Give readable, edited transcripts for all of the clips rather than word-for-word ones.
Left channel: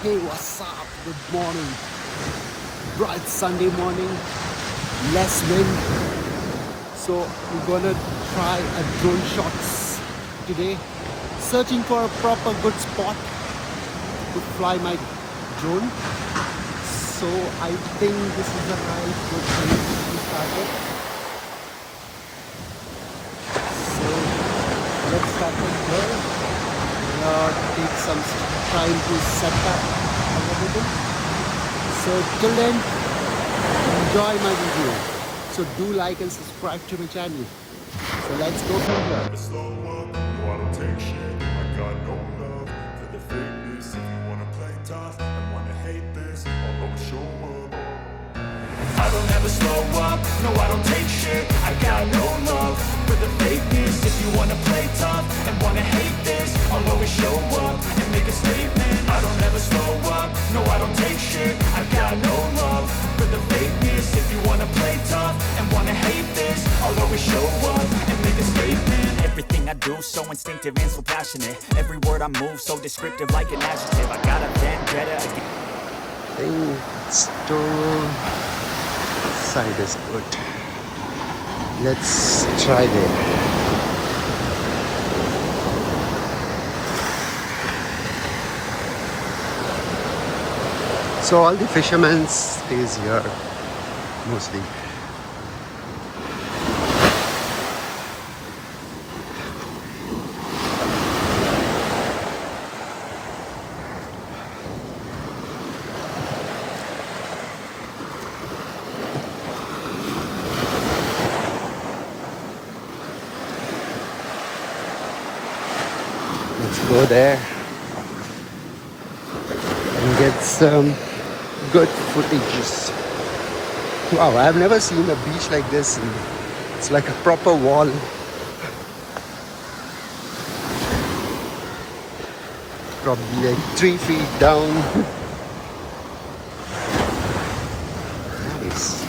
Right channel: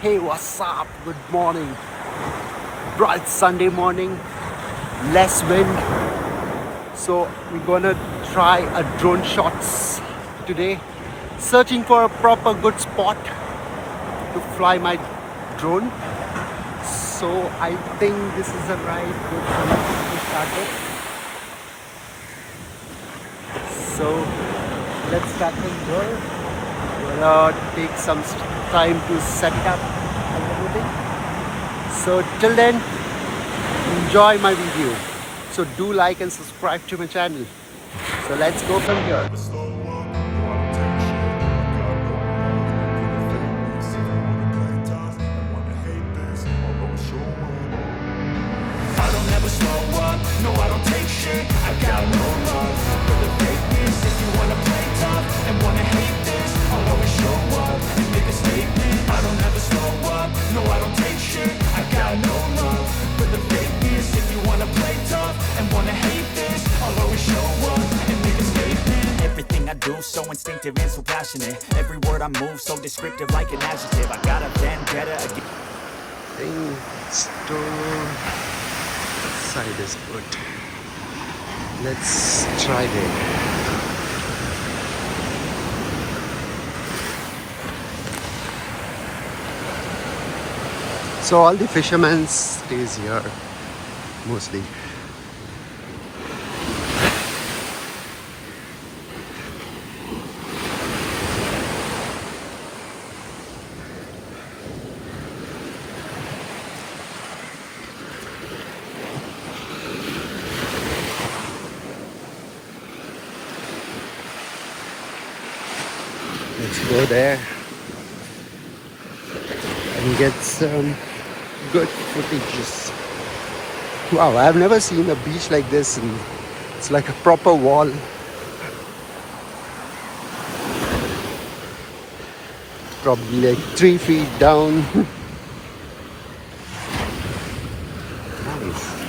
Hey, what's up? Good morning. Bright Sunday morning, less wind. So we're gonna try a drone shots today. Searching for a proper good spot to fly my drone. So I think this is the right good place to start with. So let's start from here. Gonna take some time to set up and everything. So till then, enjoy my video. So do like and subscribe to my channel. So let's go from here. Never slow up, no I don't take shit. I got no love for the fakeness. If you wanna play tough and wanna hate this, I'll always show up. I don't ever slow up, no I don't take shit. I got no love for the fakeness. If you wanna play tough and wanna hate this, I'll always show up and make a statement. I don't ever slow up, no I don't take shit. I got no love for the fakeness. If you wanna play tough and wanna hate this, I'll always show up and make a statement. Everything I do so instinctive and so passionate. Every word I move so descriptive like an adjective. I got a vendetta against Store side is good. Let's try there. So all the fishermen stays here mostly. Let's go there and get some good footages. Wow, I've never seen a beach like this, and it's like a proper wall. Probably like 3 feet down. Nice.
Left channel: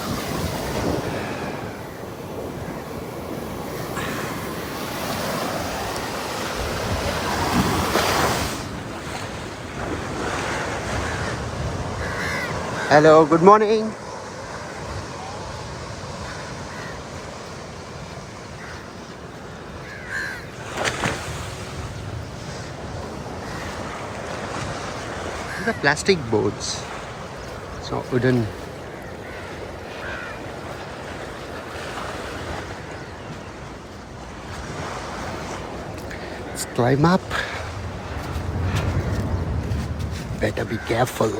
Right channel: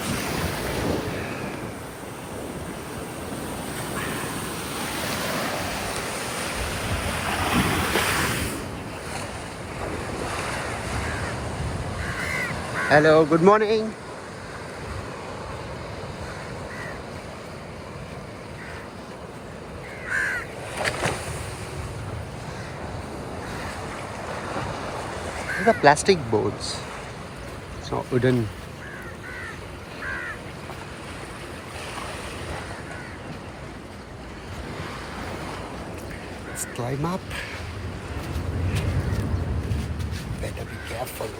Hello, good morning. These are plastic boats. It's not wooden. Let's climb up. Better be careful.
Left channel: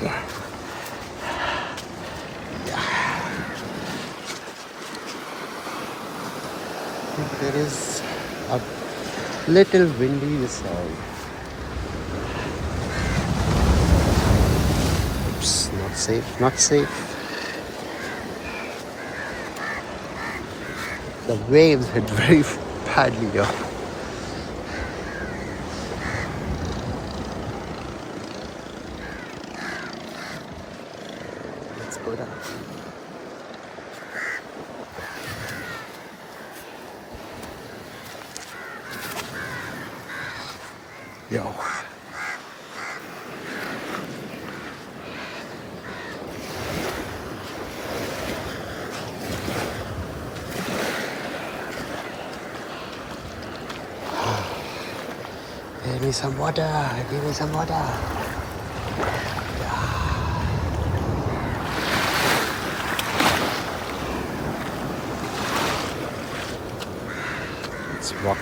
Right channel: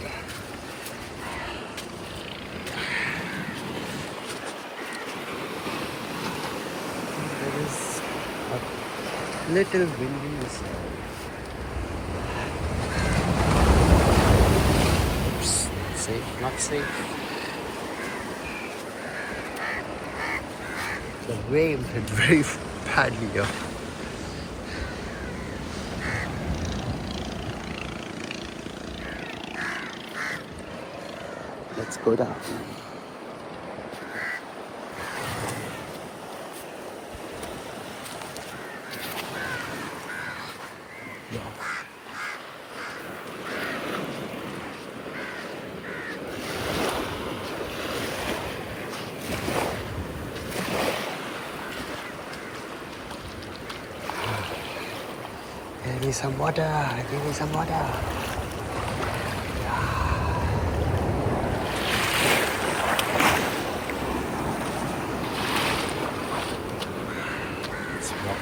There is a little windy side. Oops, not safe, not safe. The waves hit very badly here. Let's go down. Yo. Give me some water. Give me some water. It's rock.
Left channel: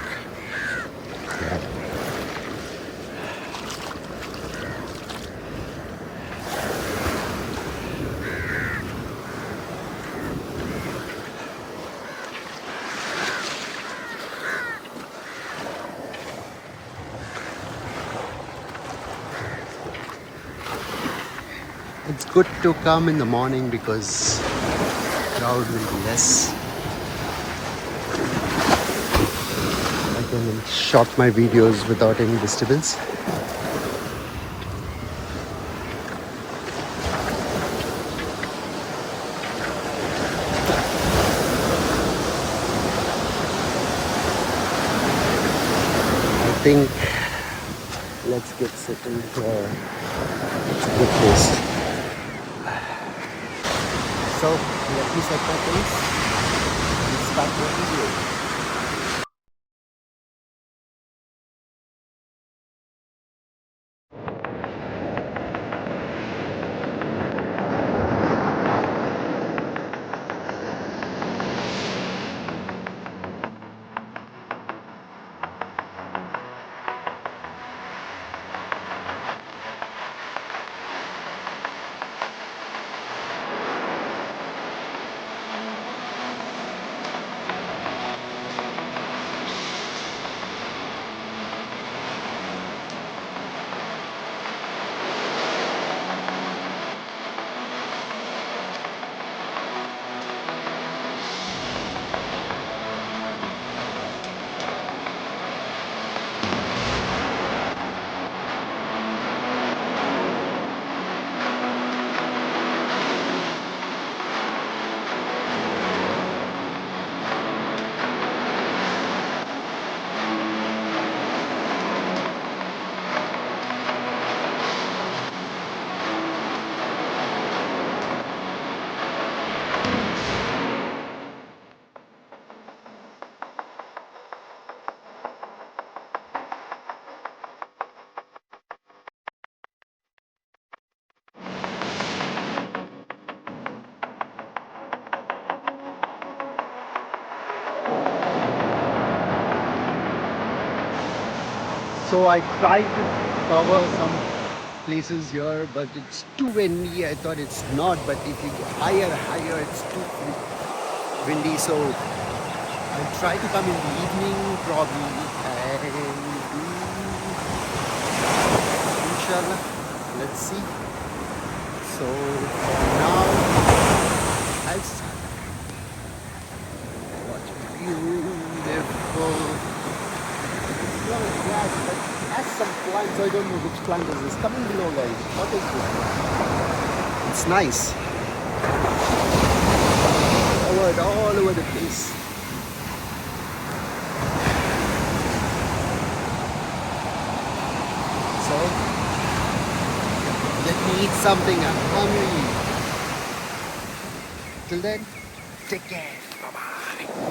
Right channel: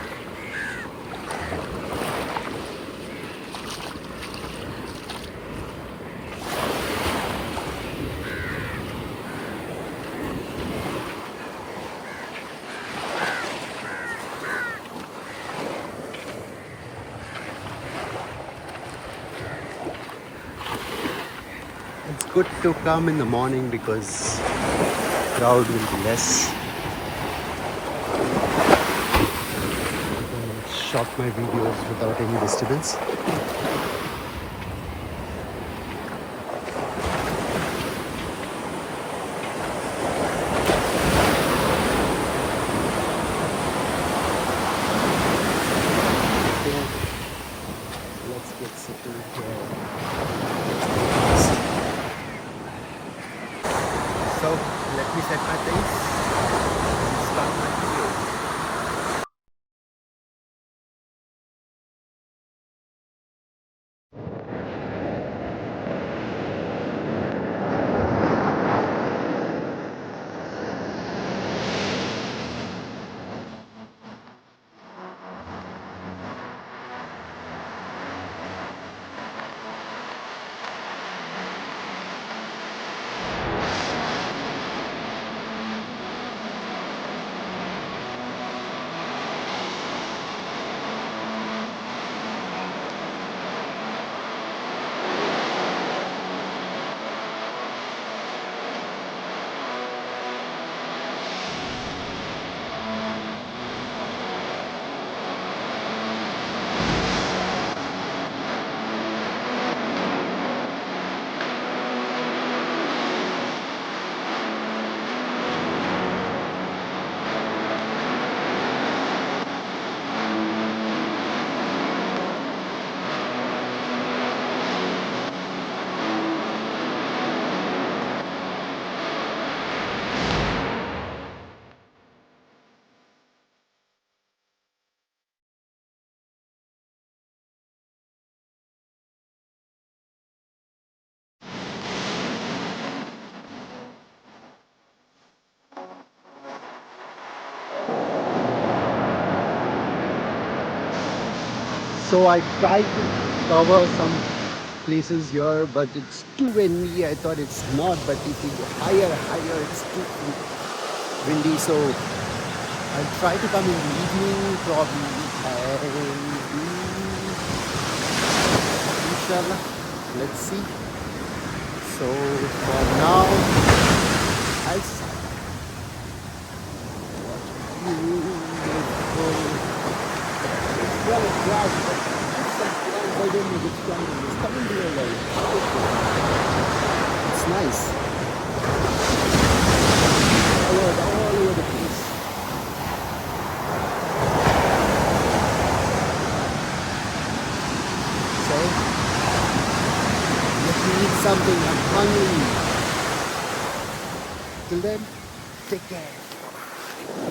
It's good to come in the morning because crowd will be less. I can shot my videos without any disturbance. I think let's get settled here. Good post. So let me set my pace and start my video. So I tried to cover some places here, but it's too windy. I thought it's not, but if you go higher, it's too windy. So I'll try to come in the evening probably, and inshallah, let's see. So for now, I'll watch beautiful. It's not a grass, but it has some plants. I don't know which plant it is. Coming below line. It's nice. All over the place. So let me eat something. I'm hungry. Till then, take care. Bye bye.